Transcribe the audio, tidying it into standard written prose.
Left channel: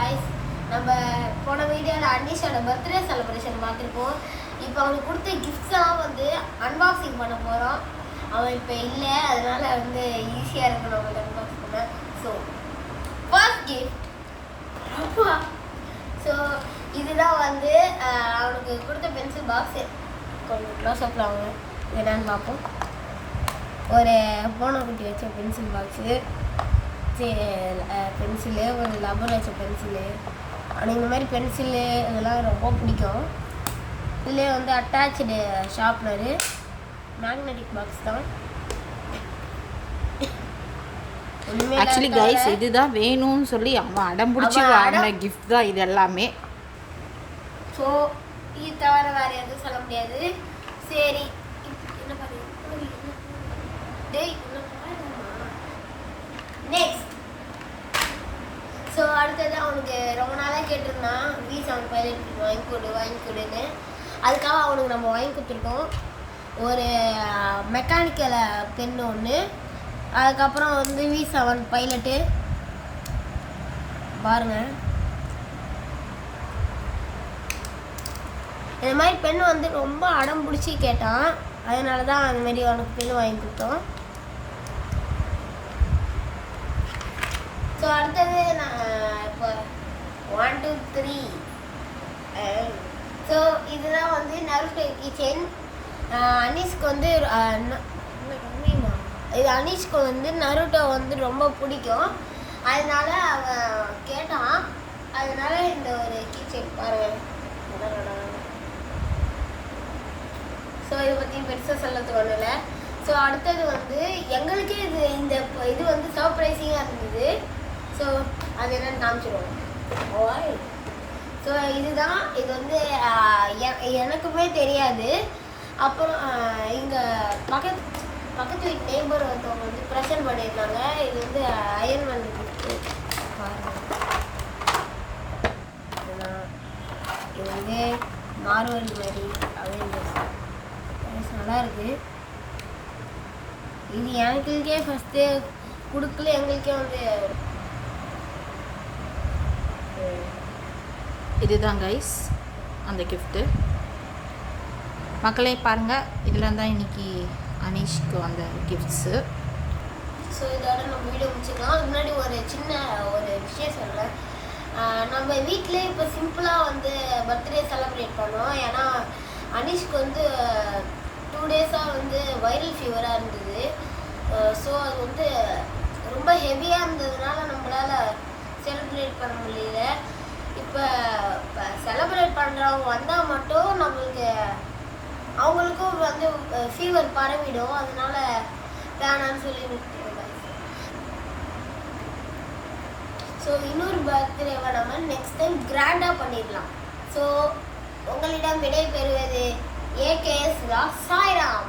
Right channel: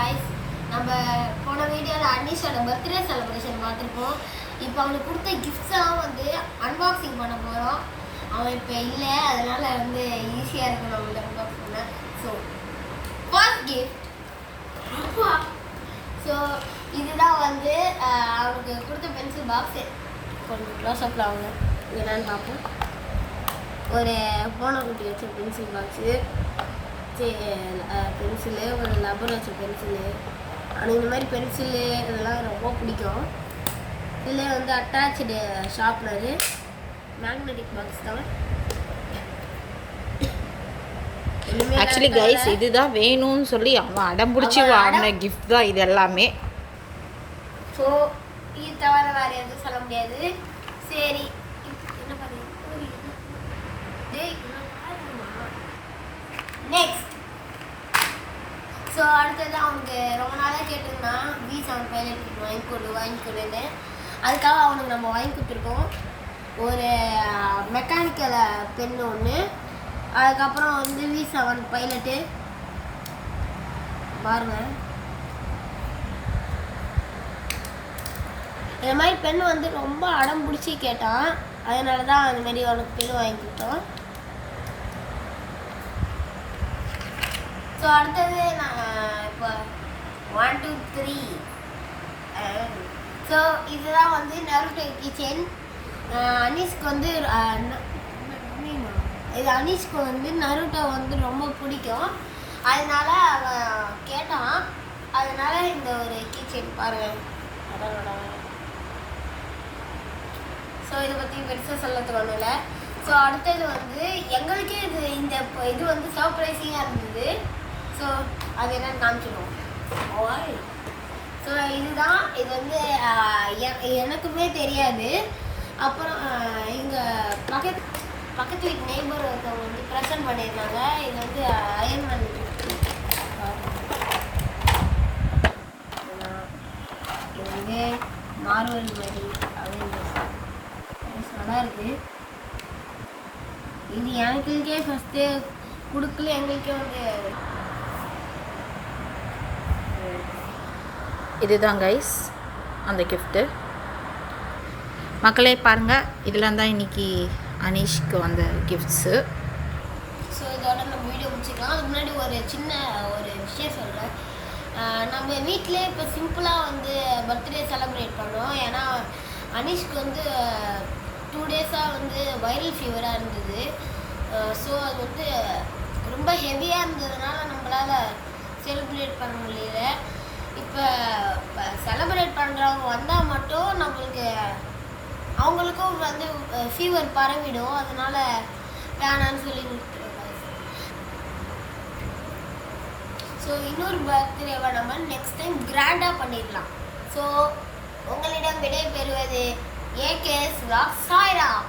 Guys, நம்ம போன வீடியோவில் அனிஷோட பர்த்டே செலிப்ரேஷன் பார்த்துருப்போம். இப்போ அவனுக்கு கொடுத்த கிஃப்ட்ஸெல்லாம் வந்து அன்பாக்சிங் பண்ண போகிறோம். அவன் இப்போ இல்லை, அதனால் வந்து ஈஸியாக இருக்குது நம்மளுக்கு அன்பாக்ஸ் பண்ண. ஸோ ஃபர்ஸ்ட் கிஃப்ட் அப்பா. ஸோ இதுதான் வந்து அவனுக்கு கொடுத்த பென்சில் பாக்ஸு. கொஞ்சம் க்ளோஸ்அப்பில் அவங்க என்னன்னு பார்ப்போம். ஒரு பூனைக்குட்டி வச்ச பென்சில் பாக்ஸு, பென்சிலு, ஒரு லப்பர் வச்ச பென்சிலு. அவனுக்கு இந்த மாதிரி பென்சிலு இதெல்லாம் ரொம்ப பிடிக்கும். இதுலேயே வந்து அட்டாச்சு ஷார்ப்னரு, மேக்னெட்டிக் பாக்ஸ் தான். ஆக்சுவலி கைஸ் இதுதான் வேணும்னு சொல்லி அவன் அடம் பிடிச்சி வாங்கின கிஃப்ட் தான் இது எல்லாமே. ஸோ இது தவிர வேறு எதுவும் சொல்ல முடியாது. சரி, நெக்ஸ்ட். ஸோ அடுத்தது அவனுக்கு ரொம்ப நாளாக கேட்டிருந்தான் V7 பைலட் வாங்கி கொடுன்னு. அதுக்காக அவனுக்கு நம்ம வாங்கி கொடுத்துருக்கோம். ஒரு மெக்கானிக்கல் பென்னு ஒன்று, அதுக்கப்புறம் வந்து V7 பைலட்டு பாருங்கள். இந்த மாதிரி பென் வந்து ரொம்ப அடம் பிடிச்சி கேட்டான், அதனால தான் அந்த மாதிரி அவனுக்கு பென் வாங்கி கொடுத்தோம். ஸோ அடுத்தது நான் இப்போ 1 2 3. ஸோ இதுதான் வந்து நருட்டோ கிச்சன். அனீஷ்க்கு வந்து இது அனீஷ்க்கு வந்து நருட்டோ வந்து ரொம்ப பிடிக்கும், அதனால அவன் கேட்டான். அதனால இந்த ஒரு கிச்சன் பாருங்கள். ஸோ இதை பற்றி பெருசாக சொல்லத்துக்கு ஒன்றும் இல்லை. ஸோ அடுத்தது வந்து எங்களுக்கே இது வந்து சர்ப்ரைஸிங்காக இருந்தது. ஸோ அது என்னன்னு காமிச்சிடுவோம். ஸோ இதுதான், இது வந்து எனக்குமே தெரியாது. அப்புறம் எங்கள் பக்கத்து வீட்டு நெய்பர் ஒருத்தவங்க வந்து ப்ரெசென்ட் பண்ணியிருந்தாங்க. இது வந்து அயன்மேன். இது வந்து மார்வெல் மாதிரி நல்லா இருக்குது. இது எனக்குக்கே ஃபஸ்ட்டு கொடுக்கல, எங்களுக்கே வந்து இதுதான் கைஸ் அந்த கிஃப்ட்டு. மக்களே பாருங்கள், இதில் தான் இன்றைக்கி அனீஷ்க்கு வந்த கிஃப்ட்ஸு. ஸோ இதோட நம்ம வீடியோ முடிச்சுக்கலாம். அதுக்கு முன்னாடி ஒரு சின்ன விஷயம் சொல்கிறேன். நம்ம வீட்டிலே இப்போ சிம்பிளாக வந்து பர்த்டே செலிப்ரேட் பண்ணோம். ஏன்னா அனீஷ்க்கு வந்து 2 டேஸாக வந்து வைரல் ஃபீவராக இருந்தது. ஸோ அது வந்து ரொம்ப ஹெவியாக இருந்ததுனால நம்மளால் செலிப்ரேட் பண்ண முடியல. இப்போ செலிப்ரேட் பண்ணுறவங்க வந்தால் மட்டும் நம்மளுக்கு அவங்களுக்கும் வந்து ஃபீவர் பரவிடும், அதனால வேணான்னு சொல்லி. ஸோ இன்னொரு பர்த்டேவை நம்ம நெக்ஸ்ட் டைம் கிராண்டாக பண்ணிடலாம். ஸோ உங்களிடம் விடை பெறுவது AKS சாய்ராம்.